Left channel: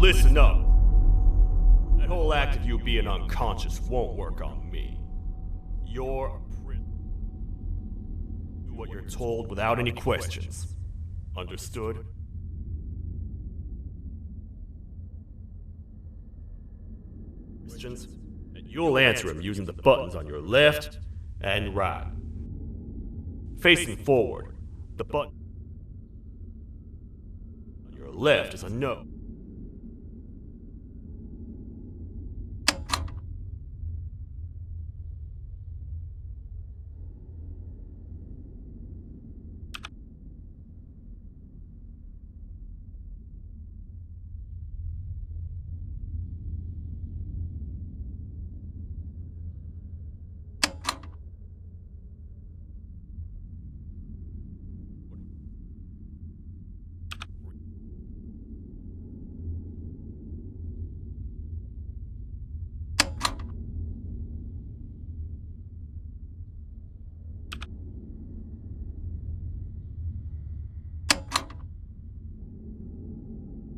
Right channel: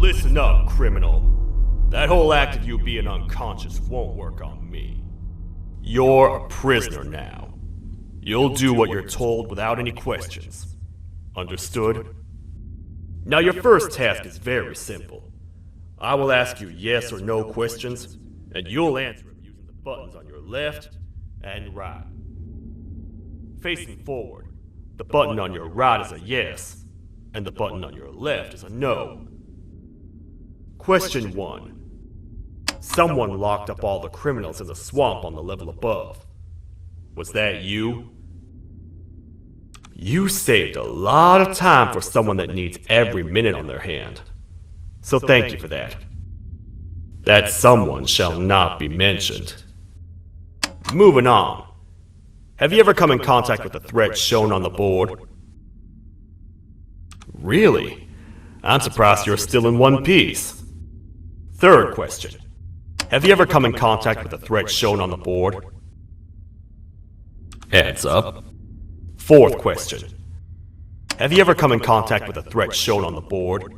Listen up, criminal. That whole act of you being unconscious won't work on me. You're a prisoner now. You'll do what you're told without any questions. Understood? Now your first task is very simple. I will ask you yes or no questions, and you'll answer them using the buttons on your left and right. Facing forward, the button on your right is a yes, and the button on your left is a no. Question 1. Someone locked up all the criminals in the swamp on the level above. Was that you? You saved a lot of time for someone that needs every minute on their hand. So thank you for that. That someone shall not be mentioned. Moving on. Have you ever come in contact with the threat shown on the board? Really? I'm surprised you're still in one piece. Third question. Have you ever come in contact with the threat shown on the board? Heads up. Fourth question. Have you ever come in contact with the threat shown on the board?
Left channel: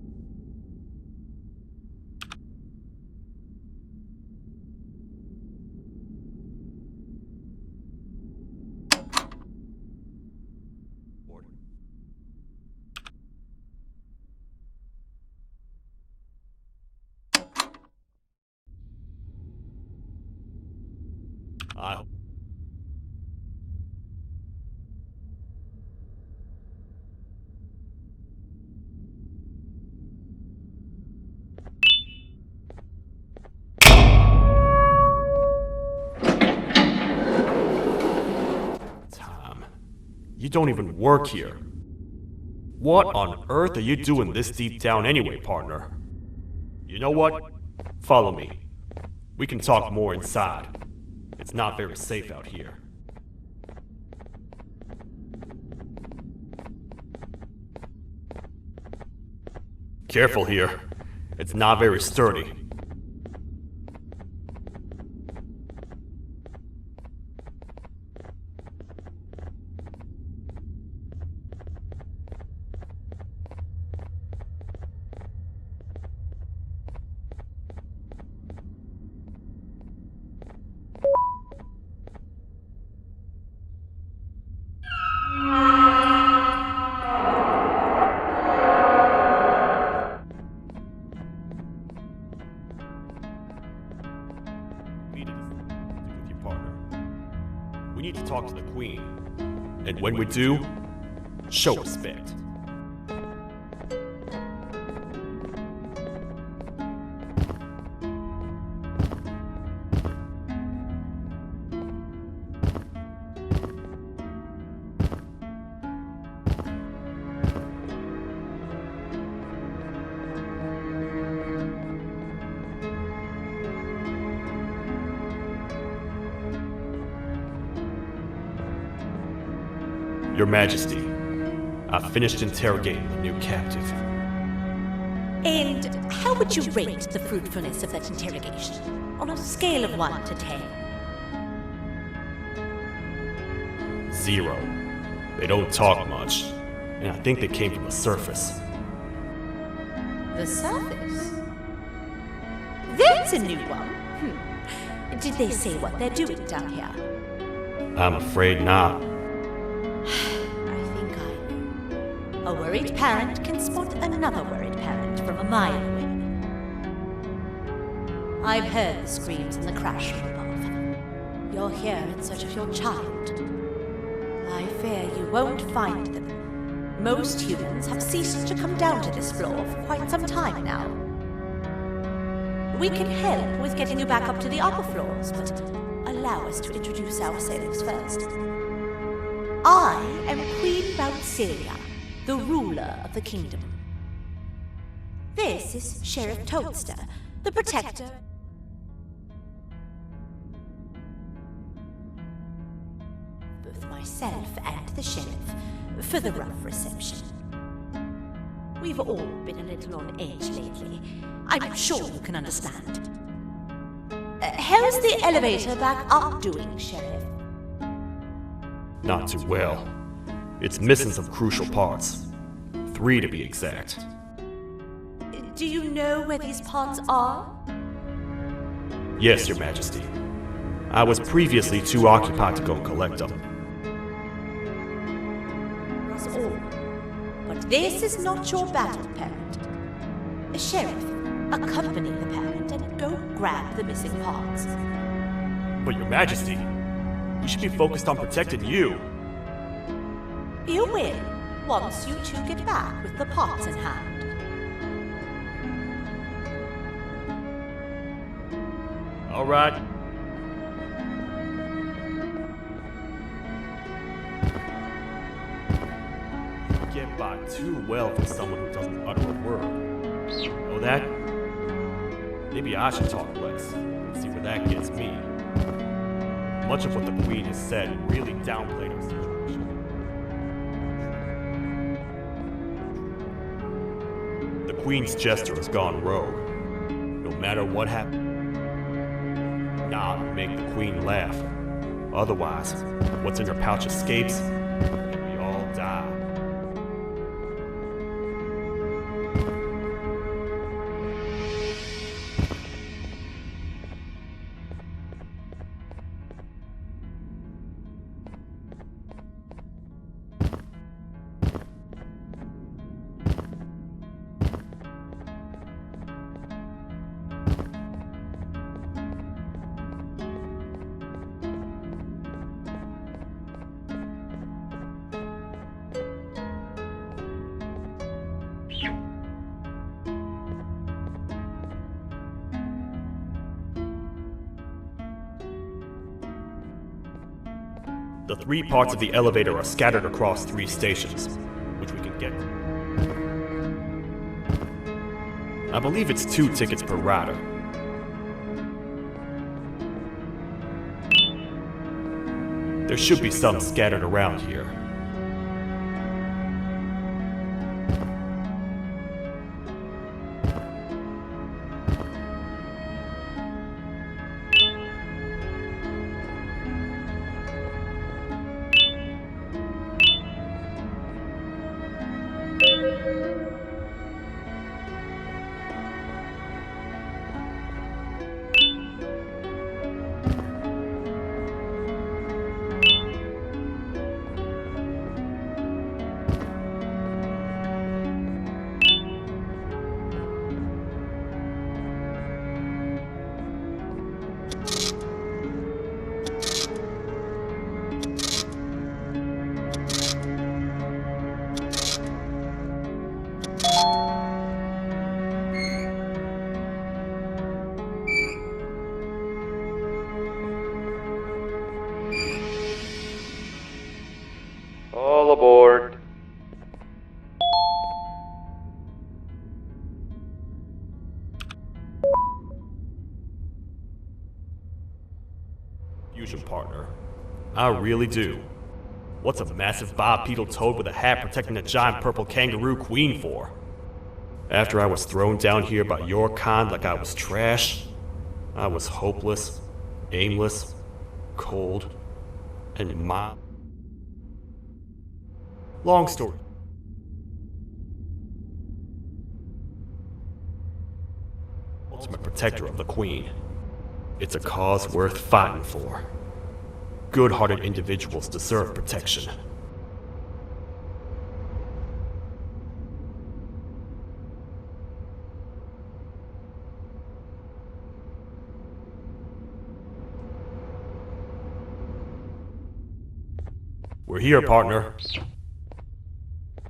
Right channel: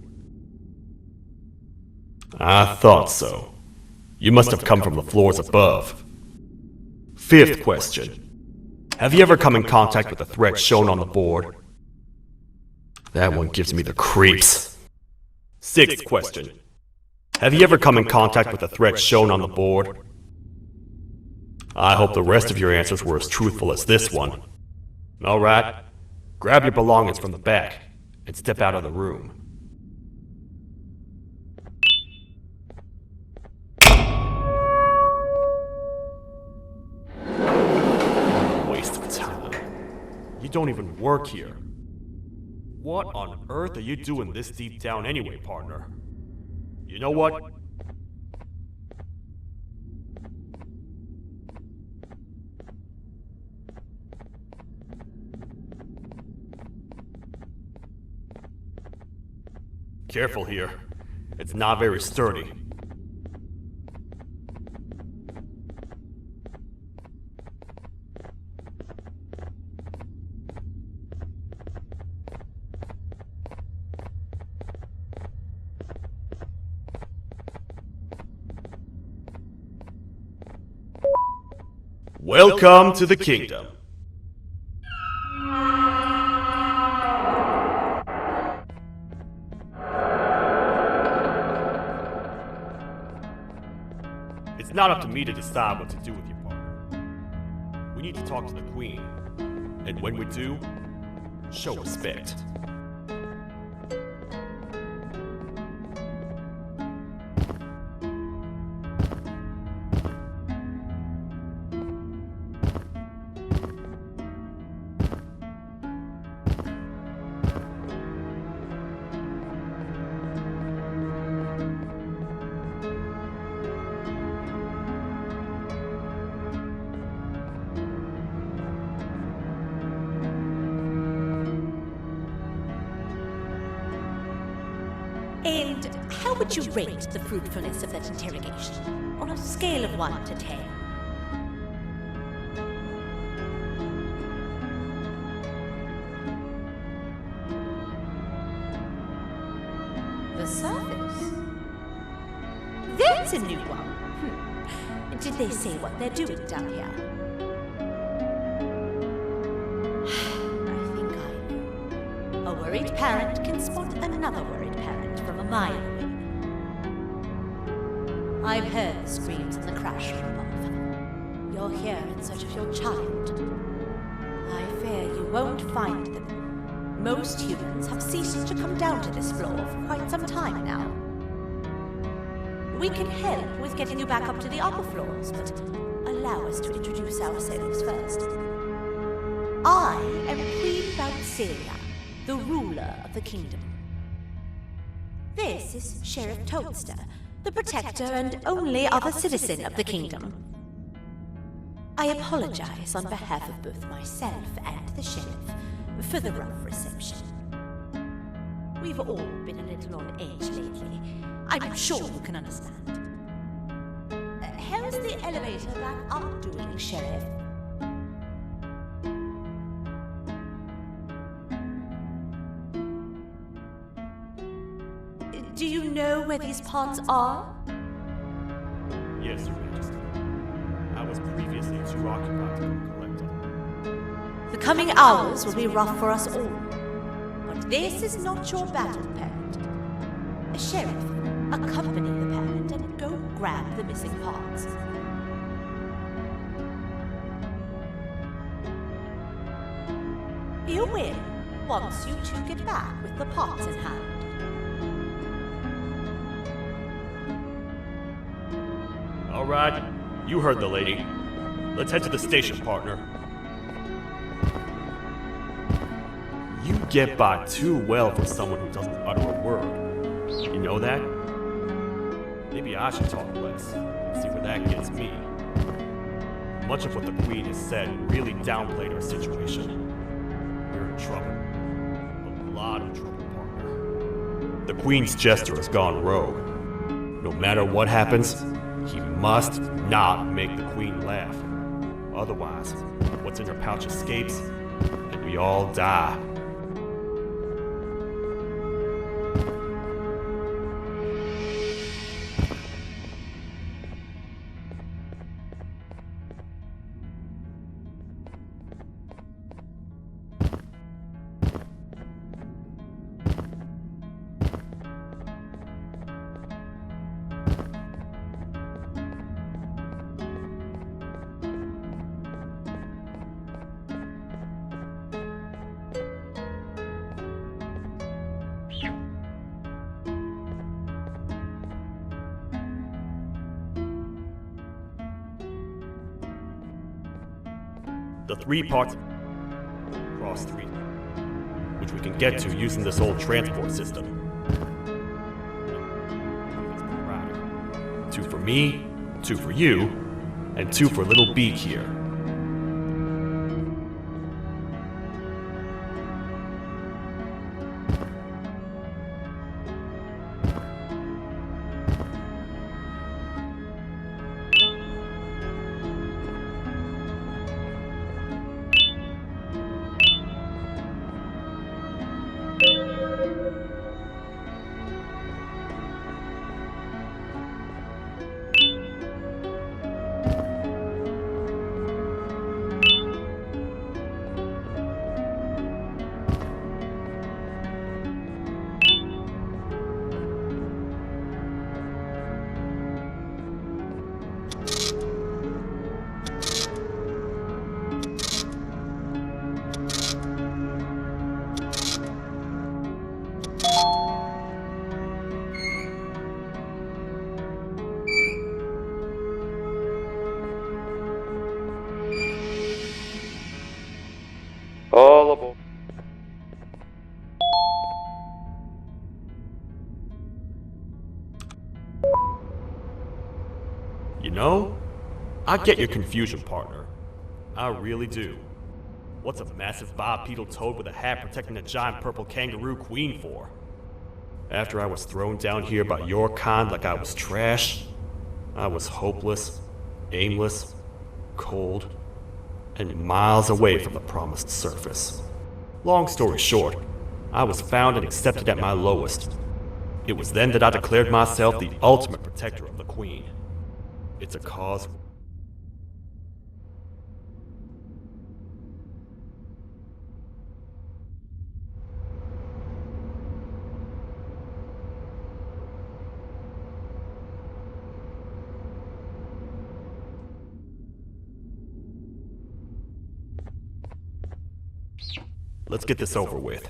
I thought so. You must have come from the floors above. Fifth question. Have you ever come in contact with the threat shown on the board? That one gives me the creeps. Sixth question. Have you ever come in contact with the threat shown on the board? I hope the rest of your answers were as truthful as this one. Alright, grab your belongings from the back and step out of the room. Waste of time. You don't even work here. What on earth are you doing this deep down anyway, partner? You know what? Follow me. We can talk more inside. It's not very safe out here. Careful here. It's not very sturdy. Welcome to the kingdom. It's not up to me to decide what to do with your partner. We need to talk to the queen. And when we do, show respect. Your Majesty, I've finished interrogating the new captive. And how would you rate the fruitfulness of that interrogation? On a scale of 1 to 10. 0. They don't talk much, and I think they came from the surface. The surface? That's a new one. Did they say what they're doing down here? I'm afraid not. I think I know. A worried parent can spot another worried parent from a mile away. I've heard the screams in the crash room above. You're here in search of your child. I fear you won't find them. Most humans have ceased to come down to this floor for quite some time now. We can help with getting you back up to the upper floors, but allow us to introduce ourselves first. I am Queen Boutsilia, the ruler of the kingdom. This is Sheriff Toadster, the protector and only other citizen of the kingdom. I apologize on behalf of both myself and the sheriff for the rough reception. We've all been a little on edge lately. I'm sure you can understand. How's the elevator back up doing, Sheriff? Not too well. It's missing some crucial parts. 3 to be exact. Do you know where these parts are? Yes, Your Majesty. I was previously too occupied to go collect them. The coming hours will be rough for us all. But this is not your battle, parent. Sheriff, accompany the parent and go grab the missing parts. But Your Majesty, we should be focused on protecting you. You will, once you two get back with the parts in hand. All right, you heard the lady. Let's head to the station, partner. You get by too well for someone who doesn't utter a word. You know that? Maybe I should talk less and see where that gets me. Much of what the Queen has said really downplayed our situation. We're in trouble. A lot of trouble, partner. The Queen's jester has gone rogue. No matter what happens, he must not make the Queen laugh. Otherwise, what's in her pouch escapes, and we all die. The 3 parts of the elevator are scattered across 3 stations, which we can get to using this old transport system. I believe it's 2 tickets per rider. 2 for me, 2 for you, and 2 for Little Beak here. There should be some scattered around here. All aboard. You know, I get your confusion, partner. I really do. What's a massive bipedal toad with a hat protecting a giant purple kangaroo queen for? After I was thrown down here by your kind like I was trash, I was hopeless, aimless, cold, and miles away from the promised surface. Long story short, I was found and accepted at my lowest. It was then that I declared myself the ultimate protector of the Queen. It's a cause worth fighting for. Good-hearted individuals deserve protection. We're here, partner. Let's get this over with.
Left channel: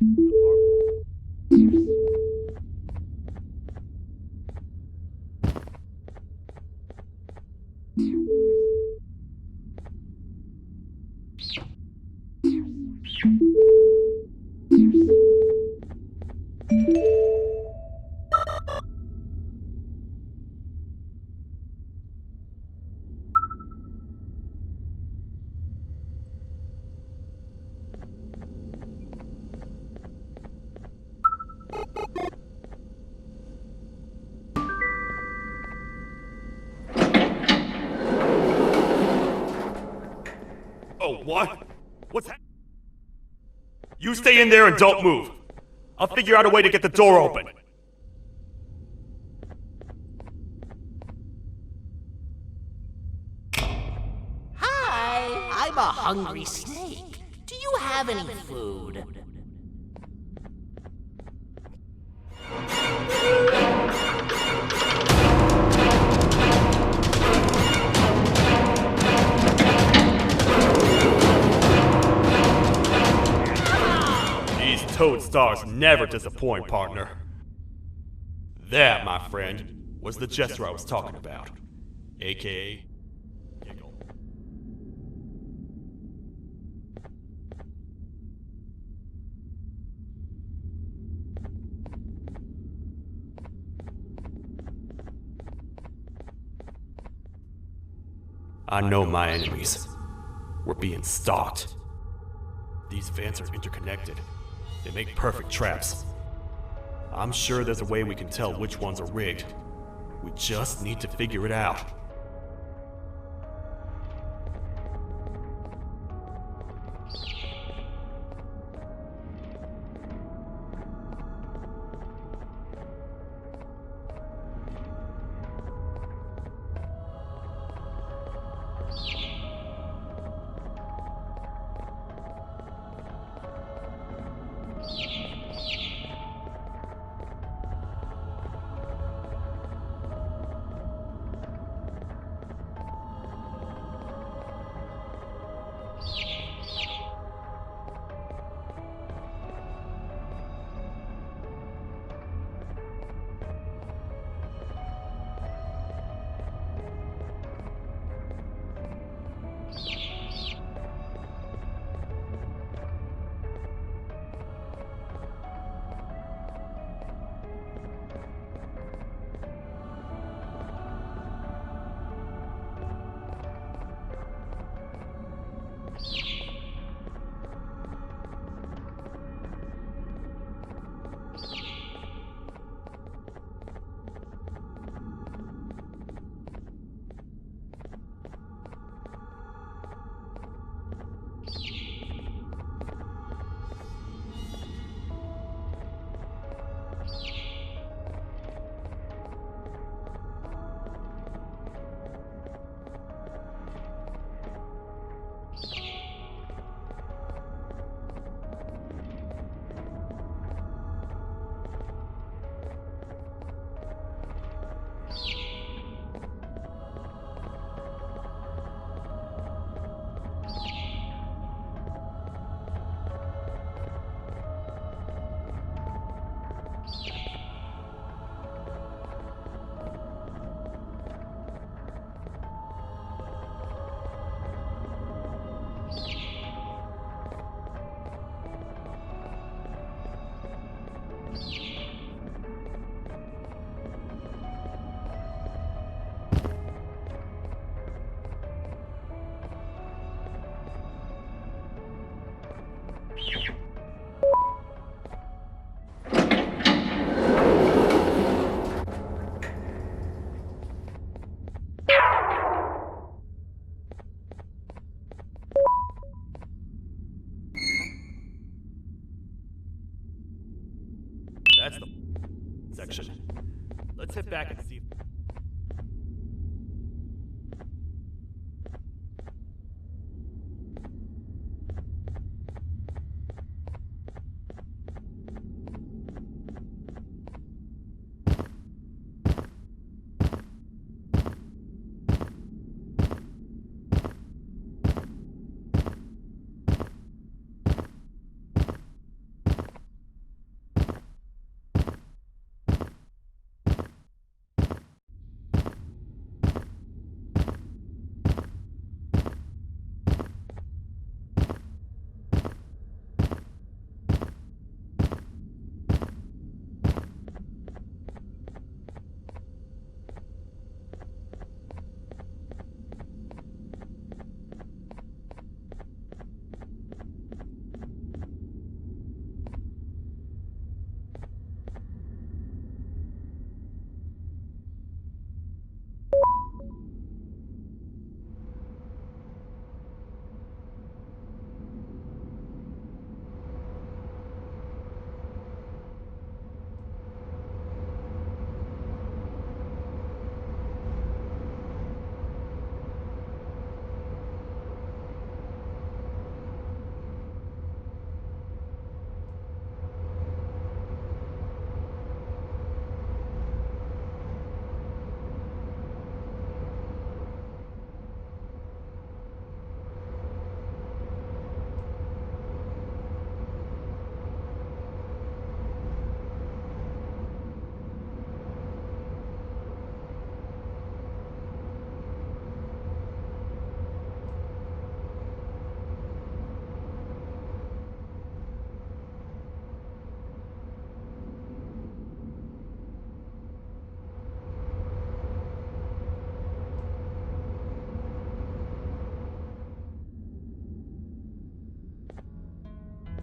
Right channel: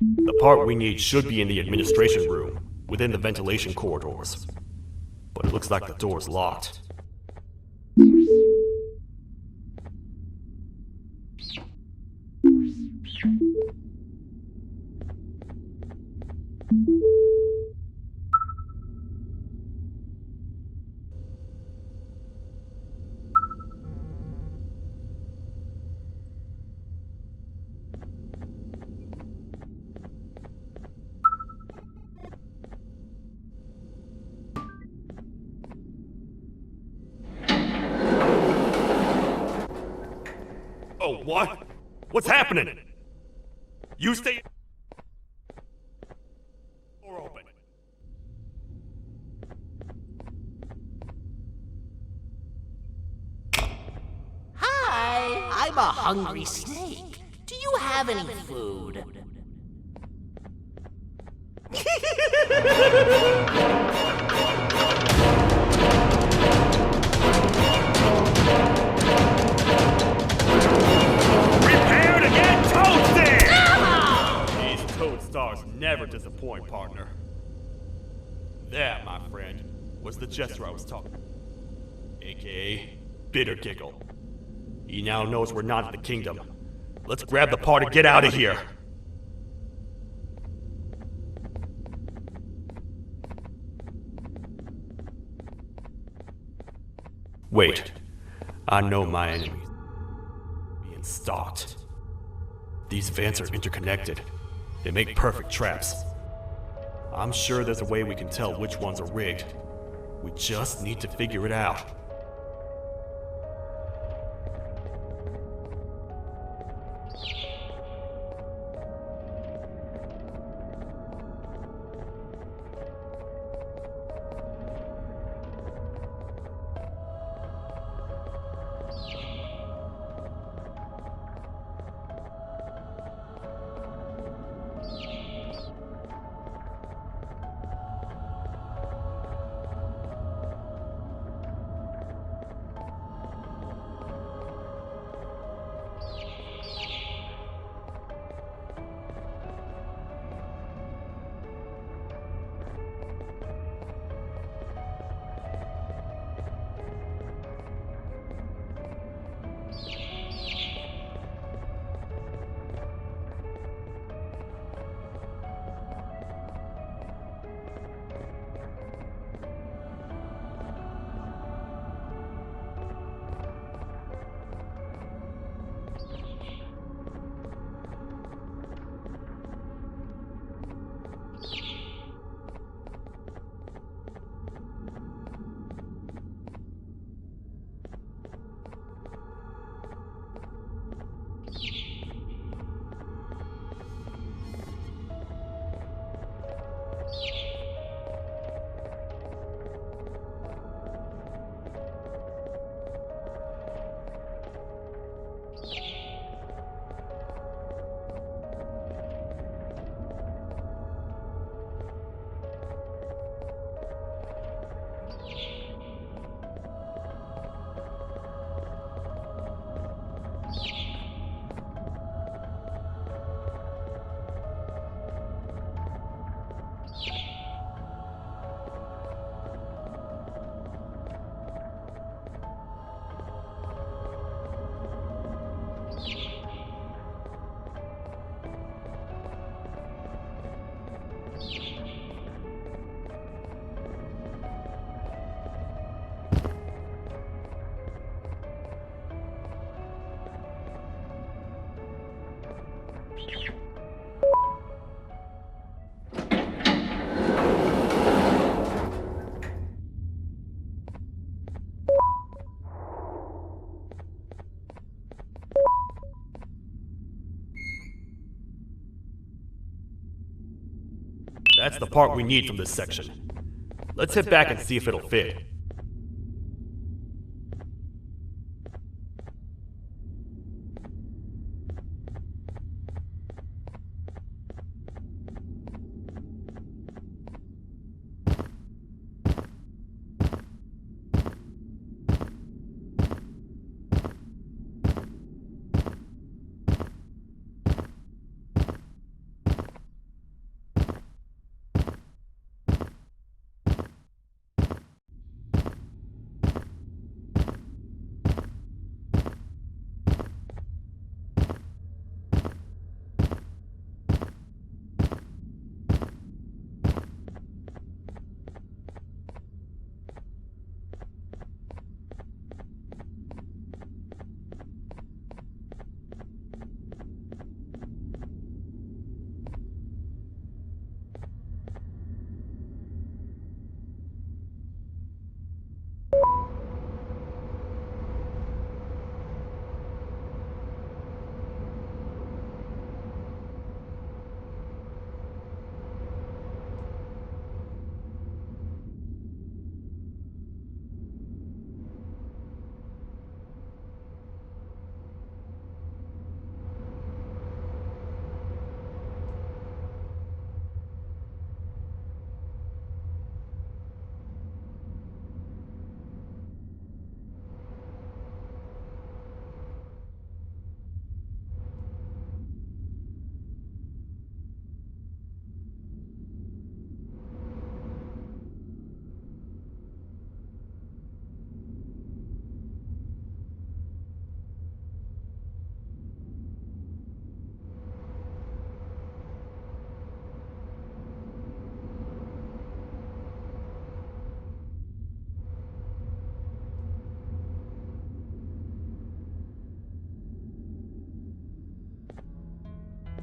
The part we need should be in the administration room, within the ventilation corridors. But it looks like the door's locked. Oh, what? What's happening? You stay in there and don't move. I'll figure out a way to get the door open. Hi, I'm a hungry snake. Do you have any food? Prepare to get toasted! These toad stars never disappoint, partner. That, my friend, was the jester I was talking about. AKA Bitter Giggle. He now knows we're not in the kingdom. Let's grab the part and get out of here. Wait. I know my enemies. We're being stalked. These vents are interconnected. They make perfect traps. I'm sure there's a way we can tell which ones are rigged. We just need to figure it out. That's the part we need from this section. Let's head back and see if it'll fit.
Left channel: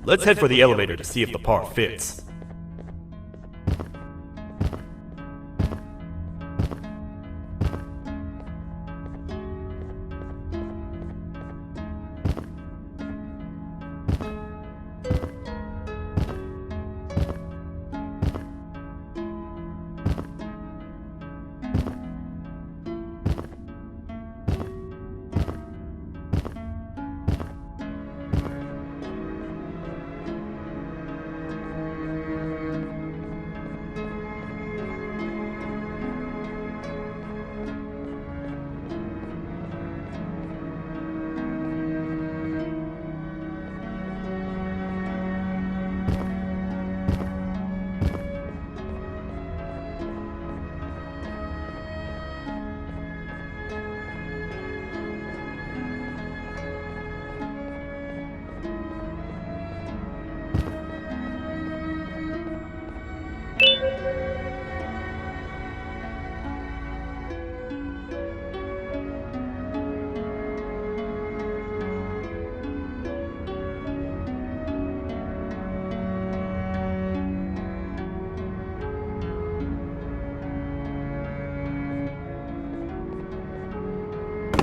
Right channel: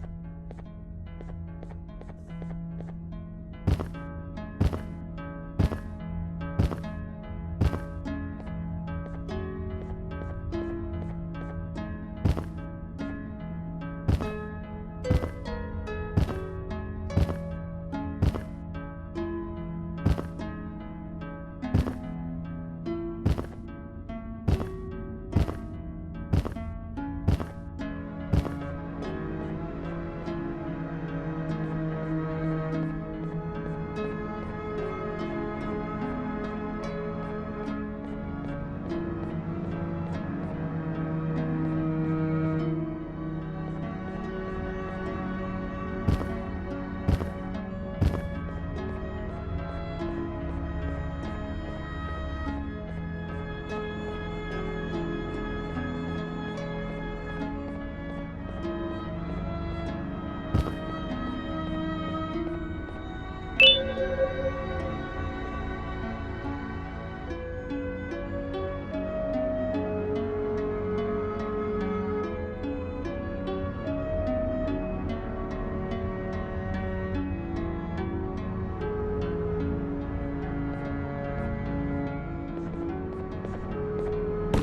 Let's head for the elevator to see if the part fits.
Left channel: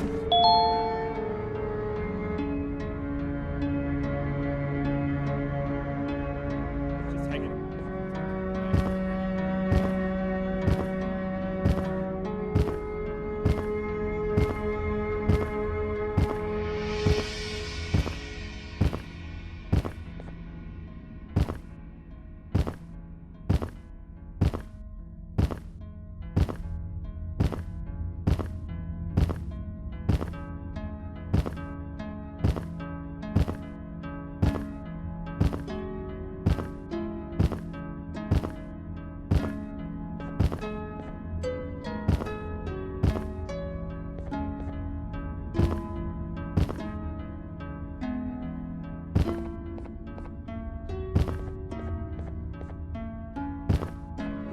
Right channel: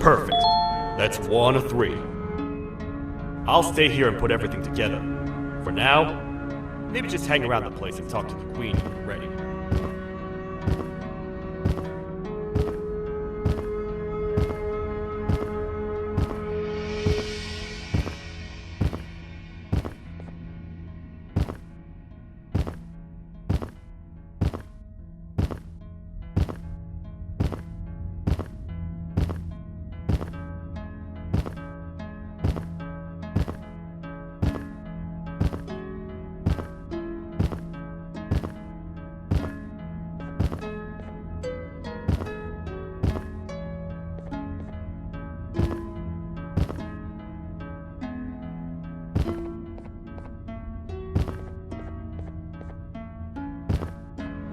Perfect. That's 1 of 3. I'll stay here and put everything together. For now, maybe just hang around the place and talk to the Queen when you're ready.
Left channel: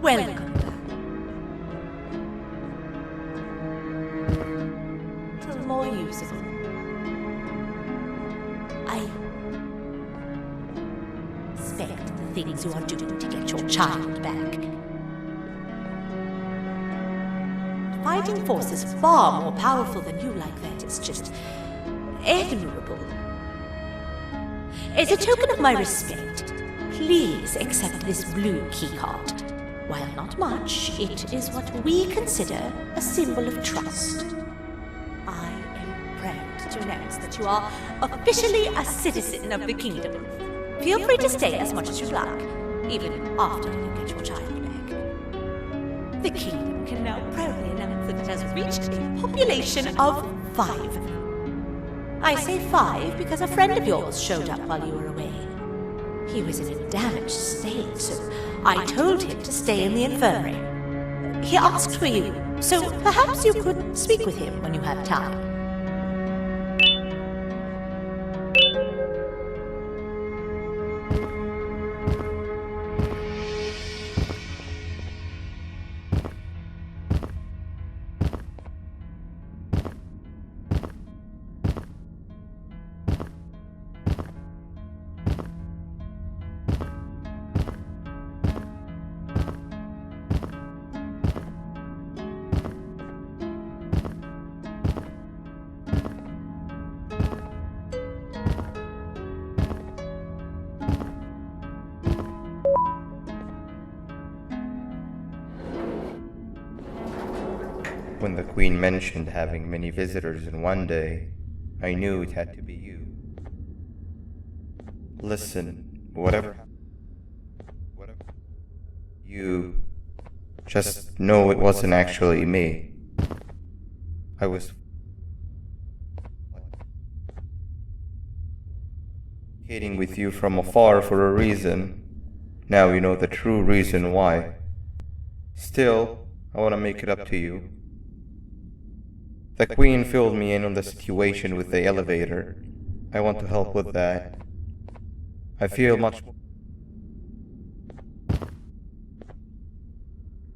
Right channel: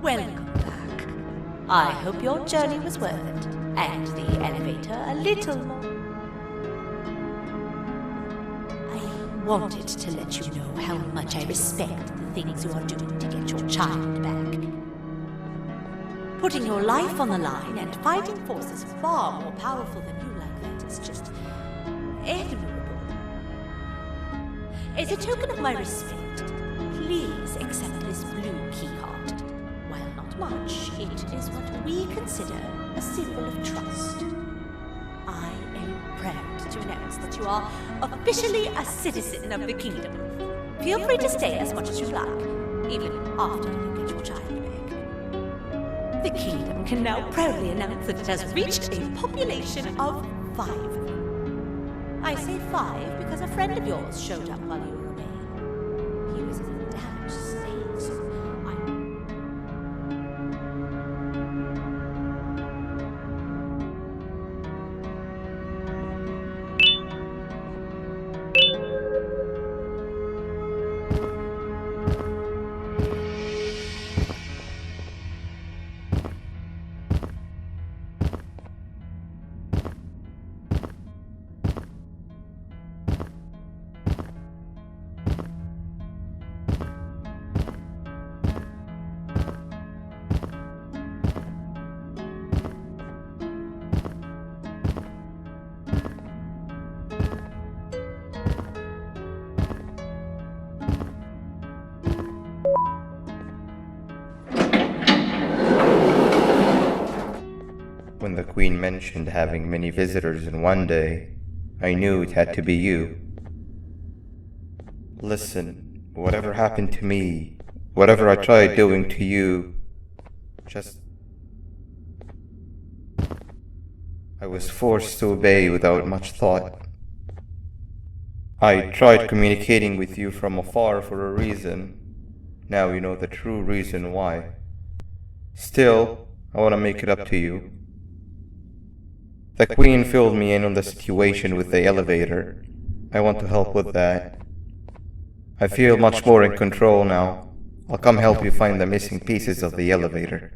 Welcome back. I hope your journey was worth it, and the elevator a little more usable. I wanted to let you know how much I respect the things you are doing to get your child back. Putting your life on the line and fighting forces far more powerful than you like that is just admirable. As a token of my respect, please Please accept this blue keycard. While not much, it is what we consider a symbol of trust. I am proud to announce that you are officially a citizen of the kingdom. Feel free to stay as much as you like, even after you get your child back. The kingdom can now proudly announce that it has reached a population of 5. I say 5 because a friend of yours showed up while you were away. He was in a damaged state, so I told him to stay in the infirmary. He asked for you, so perhaps you could speak with him when you have time. When the Queen mentioned having many visitors in one day, I knew it had to be you. Listen, whatever happened to me, whatever I tried doing to you, just know it wasn't actually me. I was forced to obey without much thought. I tried communicating with you from afar for a reason. Now you know the true reason why. Still, I want to make it up to you. The Queen filled me in on the situation with the elevator. I want to help with that. I feel much more in control now. I'll come help you find the missing pieces of the elevator.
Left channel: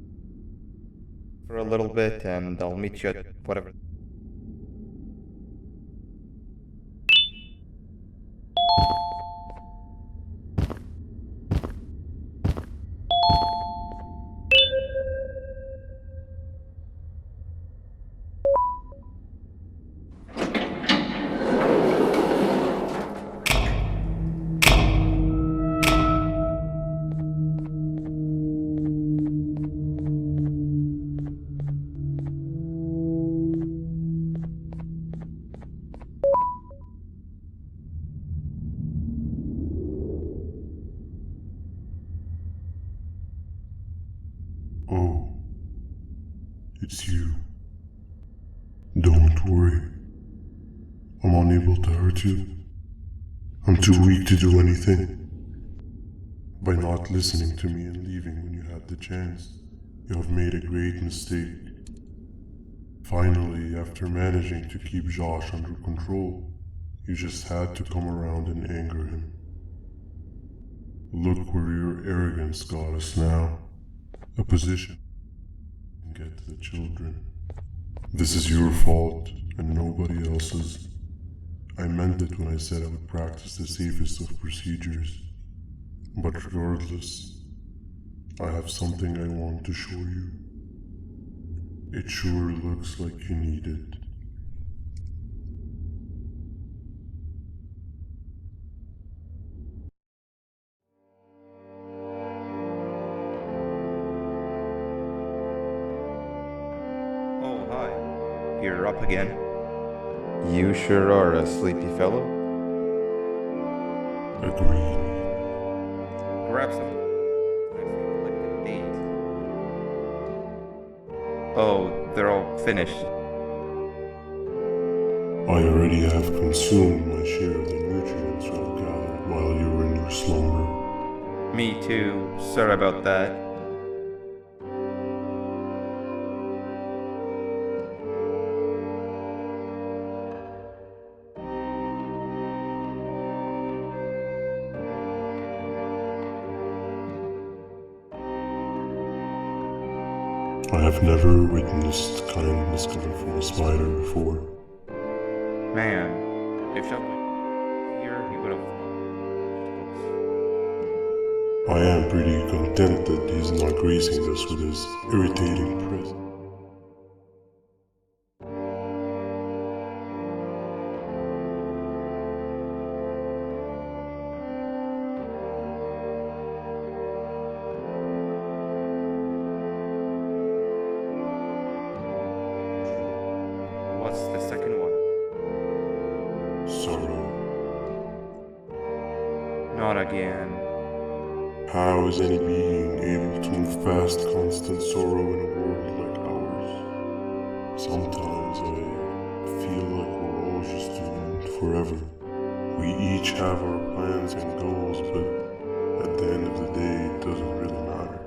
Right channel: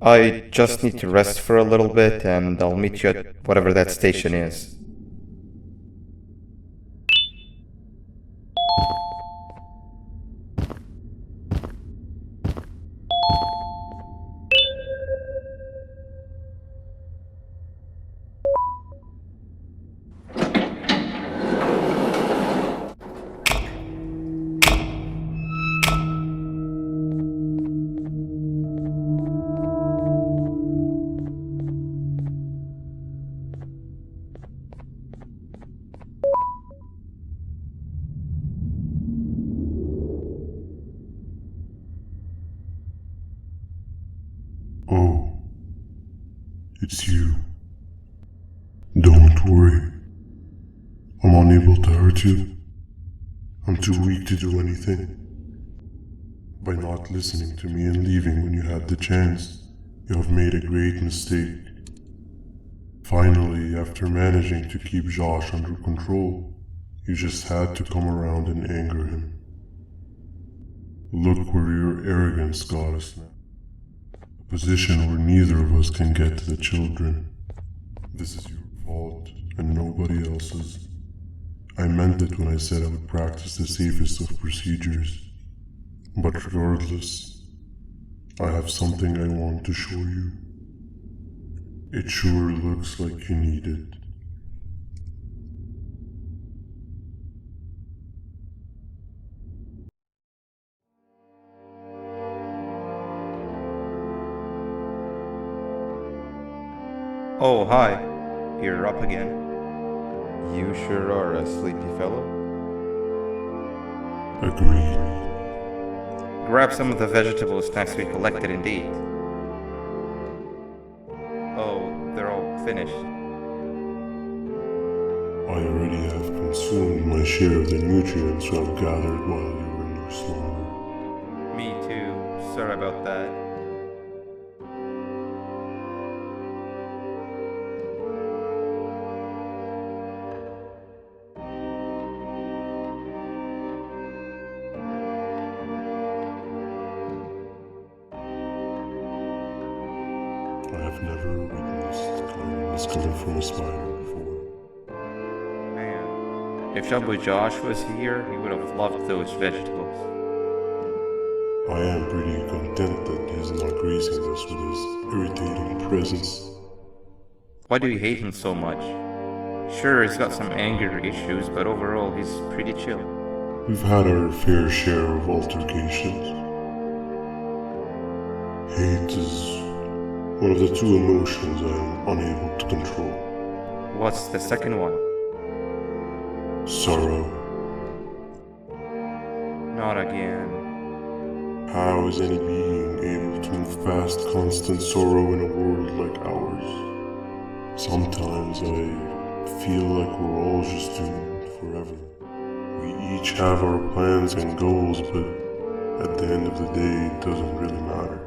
I just need to rest for a little bit and I'll meet you at whatever that station is. Oh, it's you. Don't worry. I'm unable to hurt you. I'm too weak to do anything. By not listening to me and leaving when you had the chance, you have made a great mistake. Finally, after managing to keep Josh under control, you just had to come around and anger him. Look where your arrogance got us now. A position where neither of us can get to the children. This is your fault, and nobody else's. I meant it when I said I would practice the safest of procedures. But regardless, I have something I want to show you. It sure looks like you need it. Oh, hi. You're up again. You sure are a sleepy fellow. Agreed. Grab some of the vegetable snacks we collected indeed. Oh, they're all finished. I already have consumed my share of the nutrients I've gathered while you were in your slumber. Me too. Sorry about that. I have never witnessed kindness coming from a spider before. Man, if Jumbo Josh was here, he would have loved those vegetables. I am pretty content that he's not gracing us with his irritating presence. Why do you hate him so much? Sure, he's got some anger issues, but overall he's pretty chill. We've had our fair share of altercations. Hate is one of the two emotions I'm unable to control. What's the second one? Sorrow. Not again. How is any being able to move past constant sorrow in a world like ours? Sometimes I feel like we're all just doomed forever. We each have our plans and goals, but at the end of the day, it doesn't really matter.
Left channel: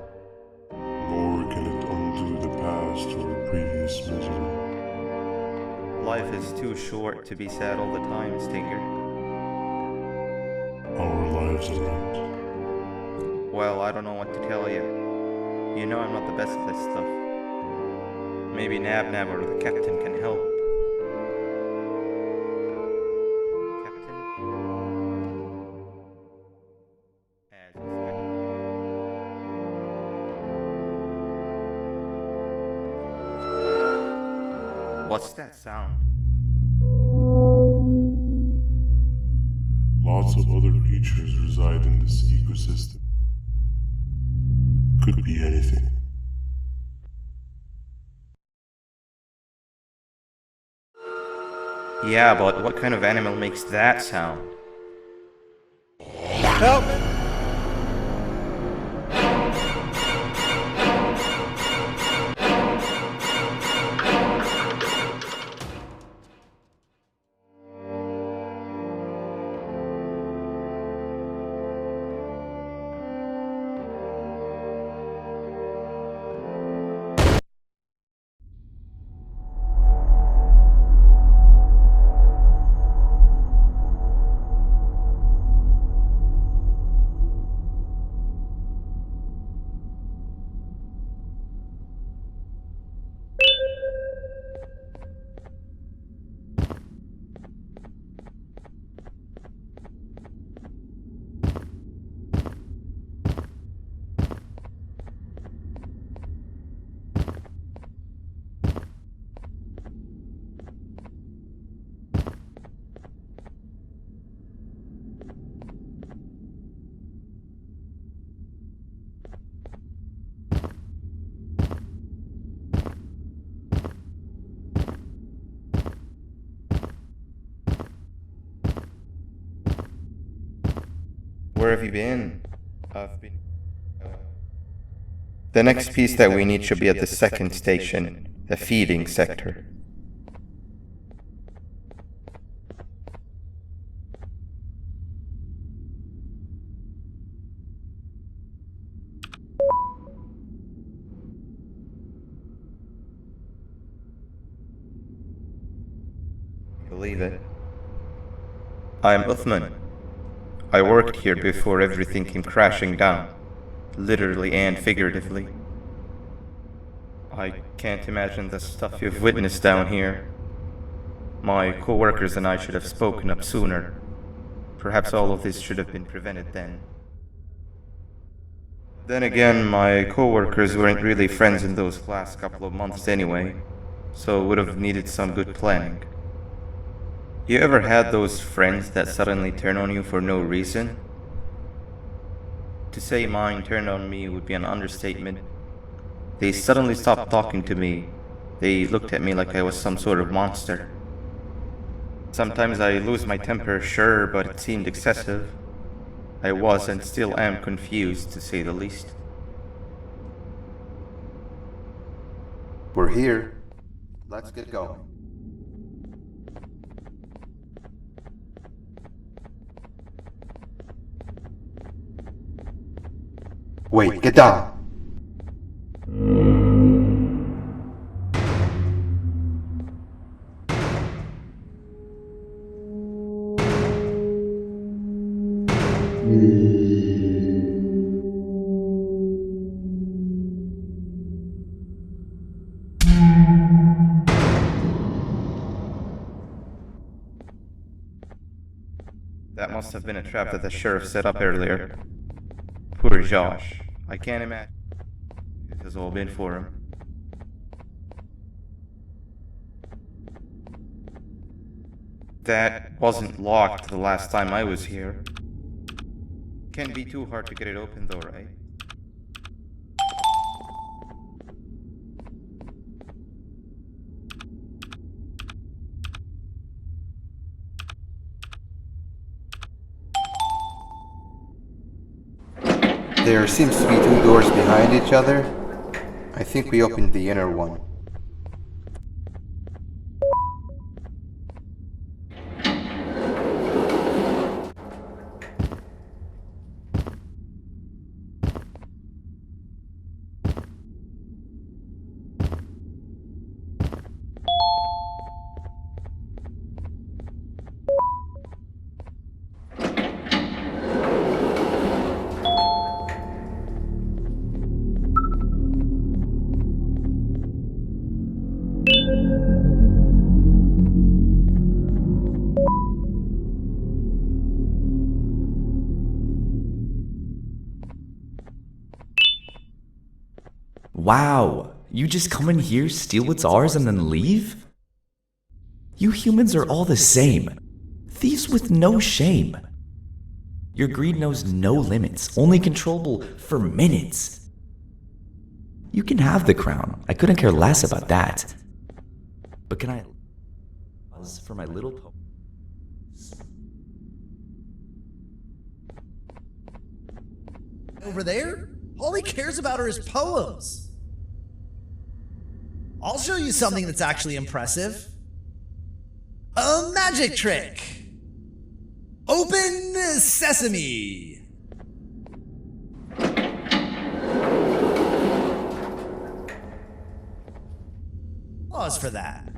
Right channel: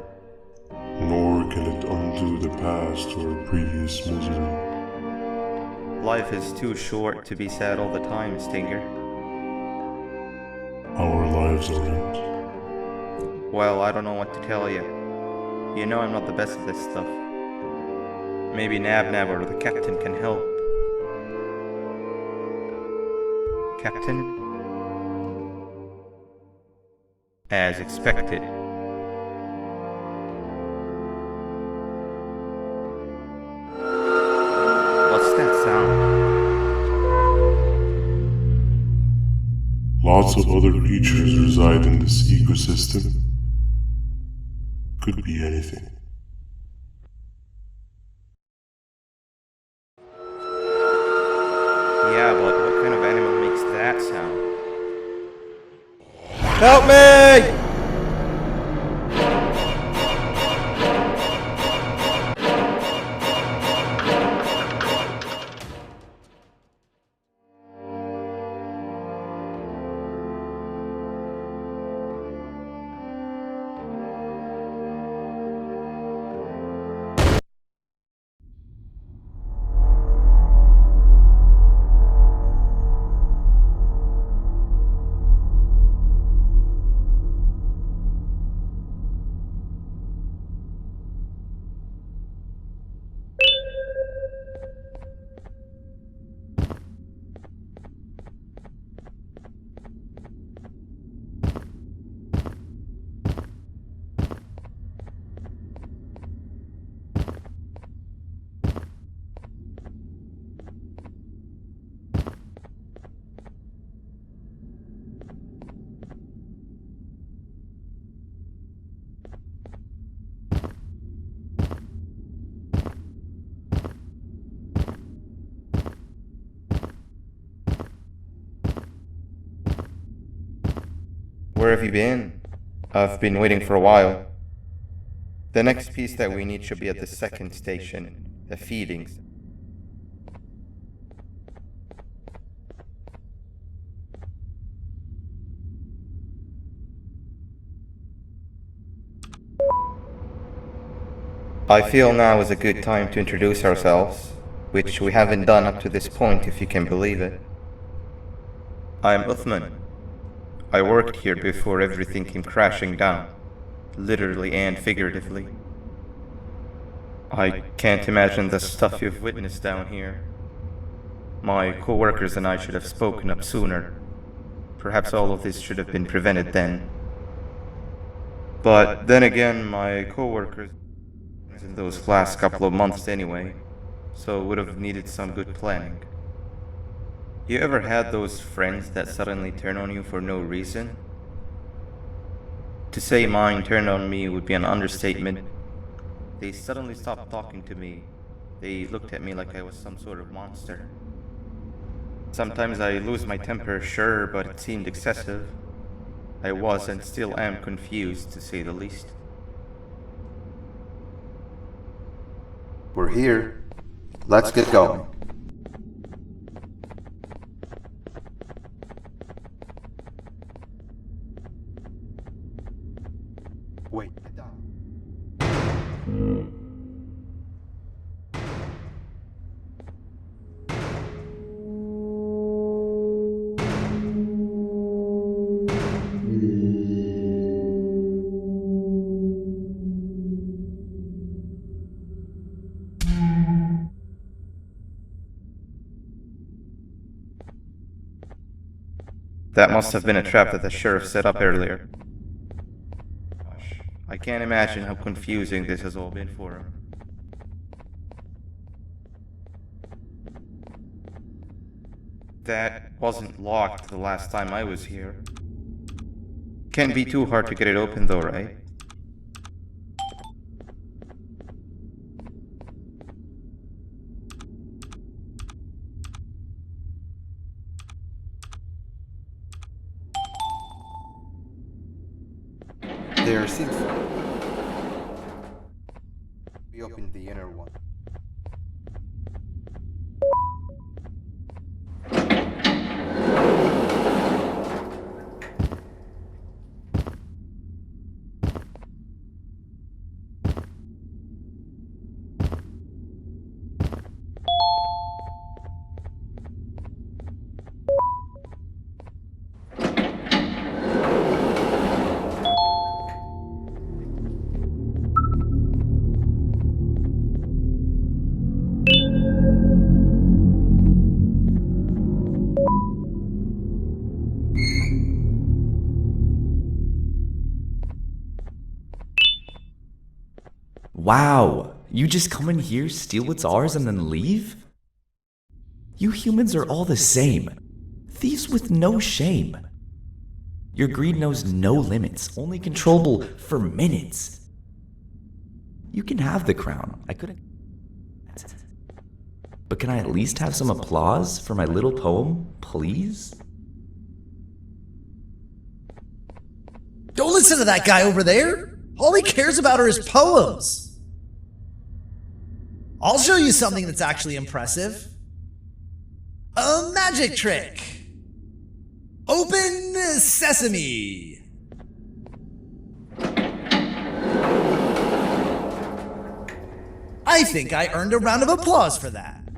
Nor can it undo the past or previous misery. Life is too short to be sad all the time, Stinger. Our lives aren't. Well, I don't know what to tell you. You know I'm not the best at this stuff. Maybe Nab or the captain can help. Captain? As expected. What's that sound? Lots of other creatures reside in this ecosystem. Could be anything. Yeah, but what kind of animal makes that sound? Help me! Where have you been? I've been waiting for a while. The next piece that we need should be at the second station, the feeding sector. I feel now is a good time to introduce ourselves, which we haven't done up to this point, if you can believe it. I'm Uthman. I worked here before everything came crashing down, literally and figuratively. I can't imagine the stuff you've witnessed down here. My co-workers and I should have spoken up sooner. Perhaps all of this should have been prevented then. But then again, my co-workers weren't really friends in those last couple of months anyway, so would have needed some good planning. You ever had those friends that suddenly turn on you for no reason? To say mine turned on me would be an understatement. They suddenly stopped talking to me. They looked at me like I was some sort of monster. Sometimes I lose my temper, sure, but it seemed excessive. I was and still am confused, to say the least. We're here. Let's get going. Wait, get down. That must have been a trap that the sheriff set up earlier. Poor Josh. I can't imagine how confusing this has all been for him. That wasn't locked the last time I was here. can't be too hard to get it open though, right? There seems to be two doors behind each other. I think we opened the inner one. Wow, you just come in here, steal what's ours, and then leave? You humans are all the same. Thieves with no shame. Your greed knows no limits, only controllable for minutes. You can have the crown, I couldn't care less about that. But can I at least have some applause for my little poem, please? Don't listen to that guy over there. All he cares about are his poems. I'll show you something that's actually impressive. A magic trick. Open sesame. I think I earned a round of applause for that.